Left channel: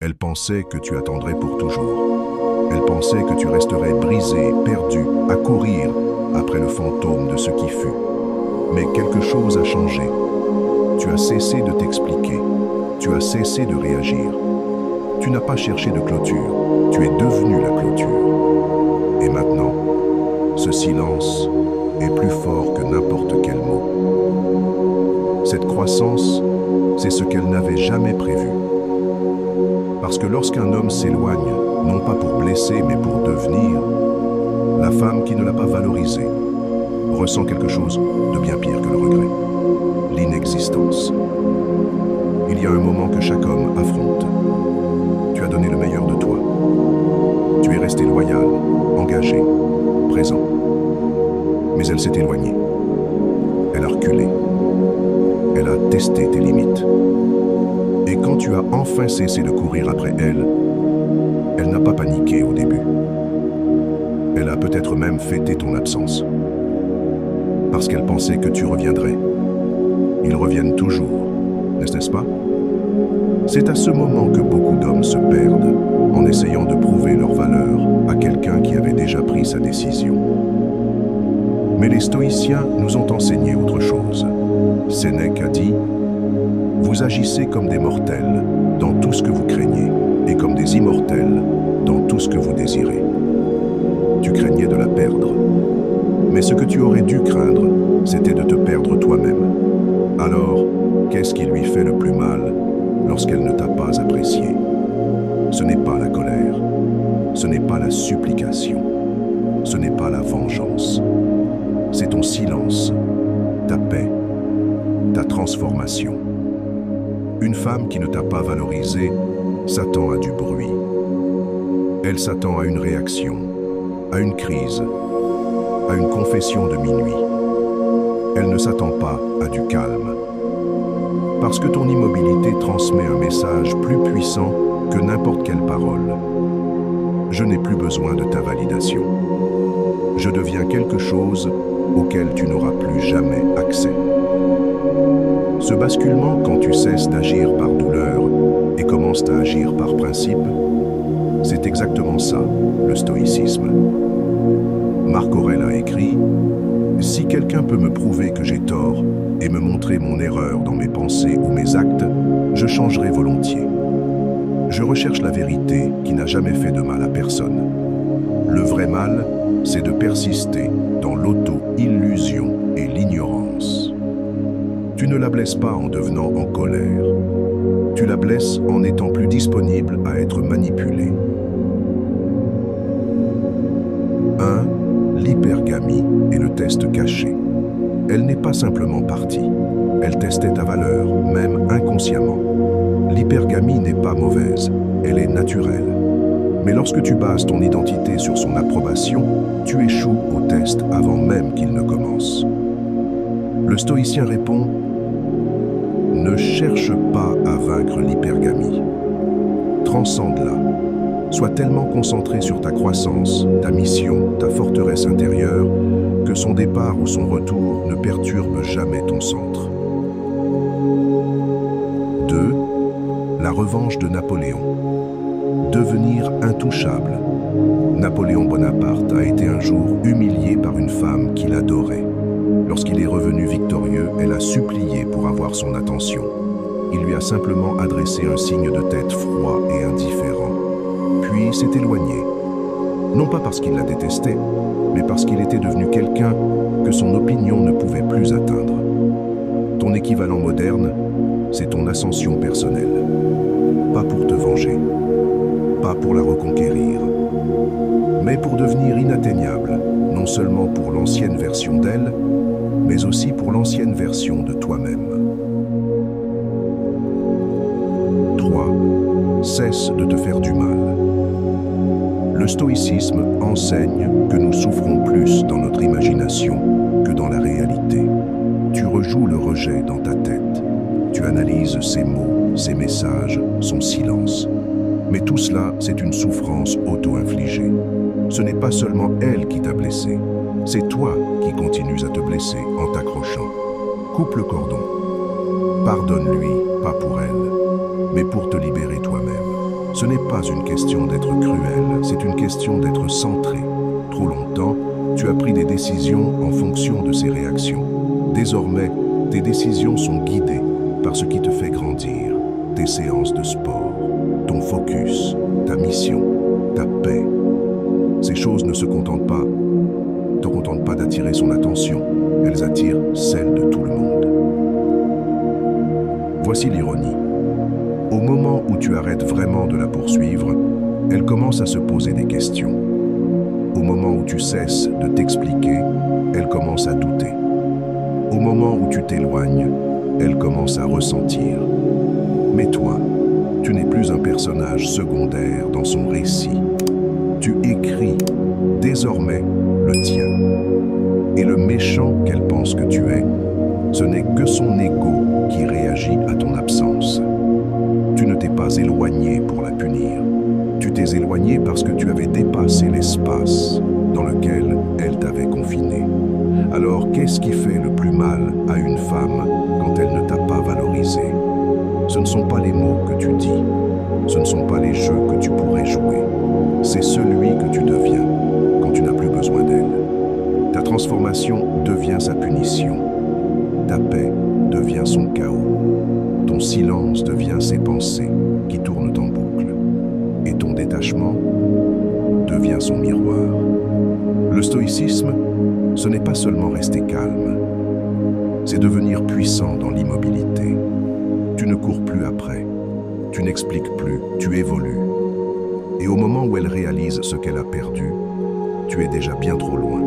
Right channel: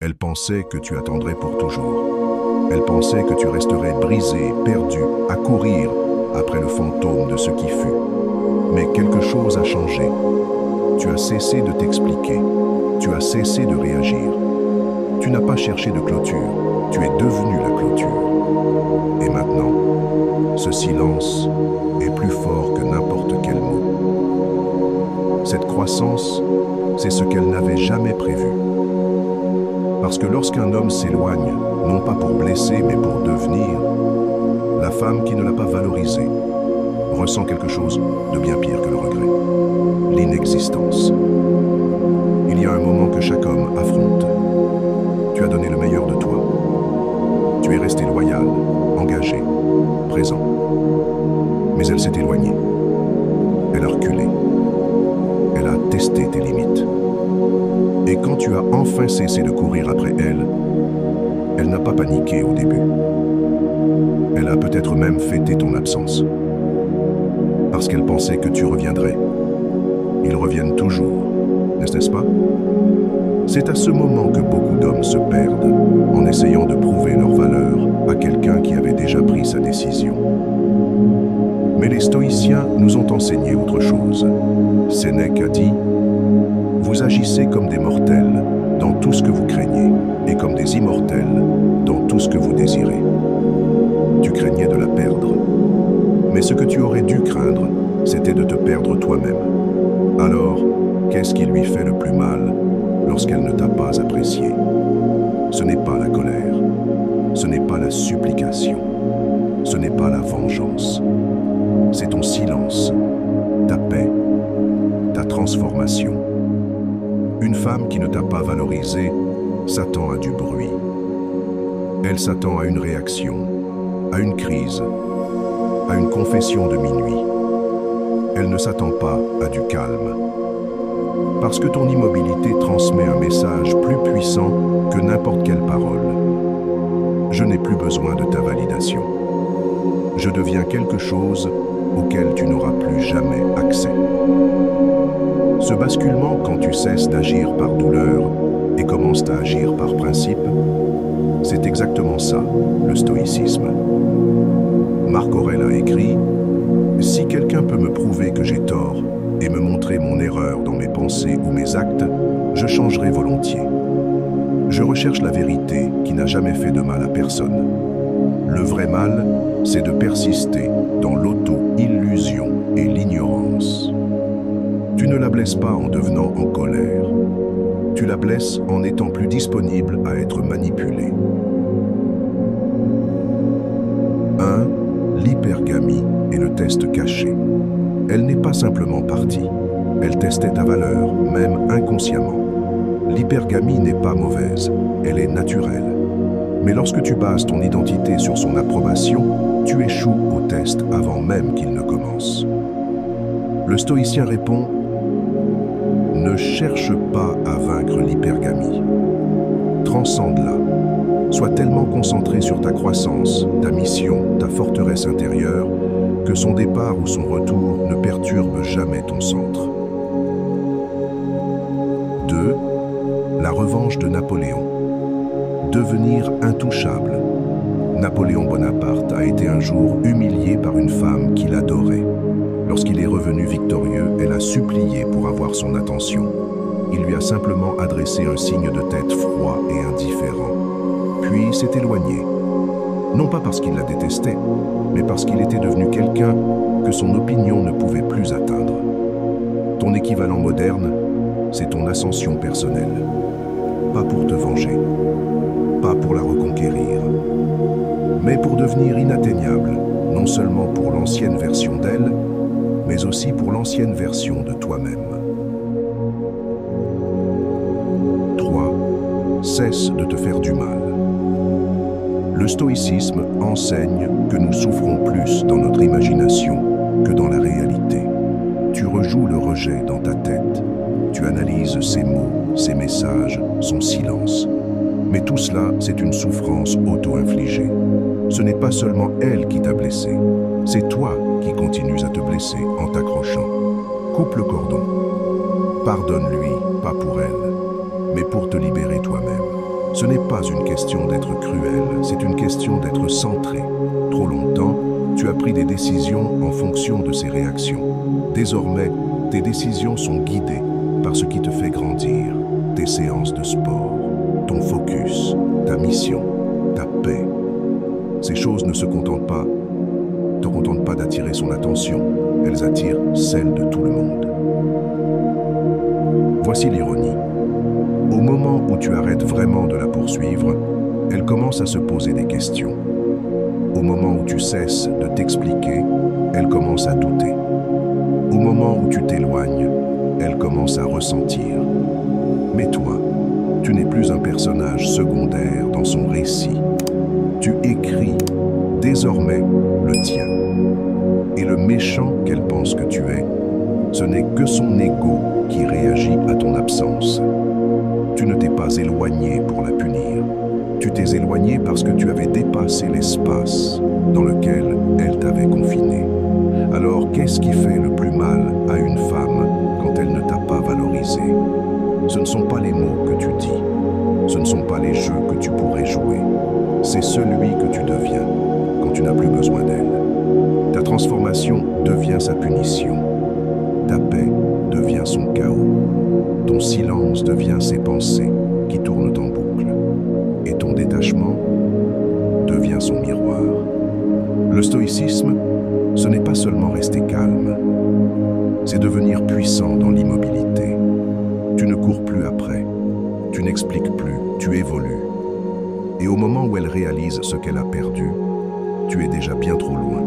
Elle pensait que tu attendrais pour toujours. Elle pensait que tu resterais brisé, perdu, à courir après le fantôme de ce qui fut. Mais quelque chose a changé. Tu as cessé de t'expliquer. Tu as cessé de réagir. Tu n'as pas cherché de clôture. Tu es devenu la clôture. Et maintenant, ce silence est plus fort que n'importe quel mot. Cette croissance, c'est ce qu'elle n'avait jamais prévu. Parce que lorsqu'un homme s'éloigne, non pas pour blesser, mais pour devenir, la femme qui ne l'a pas valorisé ressent quelque chose de bien pire que le regret, l'inexistence. Il y a un moment que chaque homme affronte. Tu as donné le meilleur de toi. Tu es resté loyal, engagé, présent. Mais elle s'est éloignée. Elle a reculé. Elle a testé tes limites. Et quand tu as enfin cessé de courir après elle, elle n'a pas paniqué au début. Elle a peut-être même fêté ton absence. Parce qu'elle pensait que tu reviendrais. Ils reviennent toujours, n'est-ce pas? C'est à ce moment que beaucoup d'hommes se perdent en essayant de prouver leur valeur à quelqu'un qui avait déjà pris sa décision. Mais les stoïciens nous ont enseigné autre chose. Sénèque a dit: vous agissez comme des mortels dans tout ce que vous craignez et comme des immortels dans tout ce que vous désirez. Tu craignais de la perdre. Mais ce que tu aurais dû craindre, c'était de te perdre toi-même. Alors, qu'est-ce qui lui fait le plus mal lorsqu'elle ne t'a pas apprécié? Ce n'est pas la colère, ce n'est pas la supplication, ce n'est pas la vengeance. C'est ton silence, ta paix, ta transformation. Une femme qui ne t'a pas valorisé s'attend à du bruit. Elle s'attend à une réaction, à une crise, à une confession de minuit. Elle ne s'attend pas à du calme. Parce que ton immobilité transmet un message plus puissant que n'importe quelle parole. Je n'ai plus besoin de ta validation. Je deviens quelque chose auquel tu n'auras plus jamais accès. Ce basculement, quand tu cesses d'agir par douleur et commences à agir par principe, c'est exactement ça, le stoïcisme. Marc Aurèle a écrit: « Si quelqu'un peut me prouver que j'ai tort et me montrer mon erreur dans mes pensées ou mes actes, je changerai volontiers. Je recherche la vérité qui n'a jamais fait de mal à personne. Le vrai mal, c'est de persister dans l'auto-illusion et l'ignorance. Tu ne la blesses pas en devenant en colère. Tu la blesses en étant plus disponible à être manipulé. » 1. L'hypergamie est le test caché. Elle n'est pas simplement partie. Elle testait ta valeur, même inconsciemment. L'hypergamie n'est pas mauvaise, elle est naturelle. Mais lorsque tu bases ton identité sur son approbation, tu échoues au test avant même qu'il ne commence. Le stoïcien répond: ne cherche pas à vaincre l'hypergamie. Transcende-la. Sois tellement concentré sur ta croissance, ta mission, ta forteresse intérieure, que son départ ou son retour ne perturbe jamais ton centre. 2. La revanche de Napoléon. Devenir intouchable. Napoléon Bonaparte a été un jour humilié par une femme qu'il adorait. Lorsqu'il est revenu victorieux, elle a supplié pour avoir son attention. Il lui a simplement adressé un signe de tête froid et indifférent. Puis s'est éloigné. Non pas parce qu'il la détestait, mais parce qu'il était devenu quelqu'un que son opinion ne pouvait plus atteindre. Ton équivalent moderne, c'est ton ascension personnelle. Pas pour te venger, pas pour la reconquérir, mais pour devenir inatteignable, non seulement pour l'ancienne version d'elle, mais aussi pour l'ancienne version de toi-même. 3. Cesse de te faire du mal. Le stoïcisme enseigne que nous souffrons plus dans notre imagination que dans la réalité. Tu rejoues le rejet dans ta tête. Tu analyses ses mots, ses messages, son silence. Mais tout cela, c'est une souffrance auto-infligée. Ce n'est pas seulement elle qui t'a blessé, c'est toi qui continues à te blesser en t'accrochant. Coupe le cordon. Pardonne-lui, pas pour elle, mais pour te libérer toi-même. Ce n'est pas une question d'être cruel, c'est une question d'être centré. Trop longtemps, tu as pris des décisions en fonction de ces réactions. Désormais, tes décisions sont guidées par ce qui te fait grandir, tes séances de sport, ton focus, ta mission, ta paix. Ces choses ne te contentent pas d'attirer son attention, elles attirent celle de tout le monde. Voici l'ironie. Au moment où tu arrêtes vraiment de la poursuivre, elle commence à se poser des questions. Au moment où tu cesses de t'expliquer, elle commence à douter. Au moment où tu t'éloignes, elle commence à ressentir. Mais toi, tu n'es plus un personnage secondaire dans son récit. Tu écris désormais le tien. Et le méchant qu'elle pense que tu es, ce n'est que son ego qui réagit à ton absence. Tu ne t'es pas éloigné pour la punir. Tu t'es éloigné parce que tu avais dépassé l'espace dans lequel elle t'avait confiné. Alors, qu'est-ce qui fait le plus mal à une femme quand elle ne t'a pas valorisé? Ce ne sont pas les mots que tu dis, ce ne sont pas les jeux que tu pourrais jouer. C'est celui que tu deviens quand tu n'as plus besoin d'elle. Ta transformation devient sa punition. Ta paix devient son chaos. Ton silence devient ses pensées qui tournent en boucle. Et ton détachement devient son miroir. Le stoïcisme, ce n'est pas seulement rester calme, c'est devenir puissant dans l'immobilité. Tu ne cours plus après, tu n'expliques plus, tu évolues. Et au moment où elle réalise ce qu'elle a perdu, tu es déjà bien trop loin.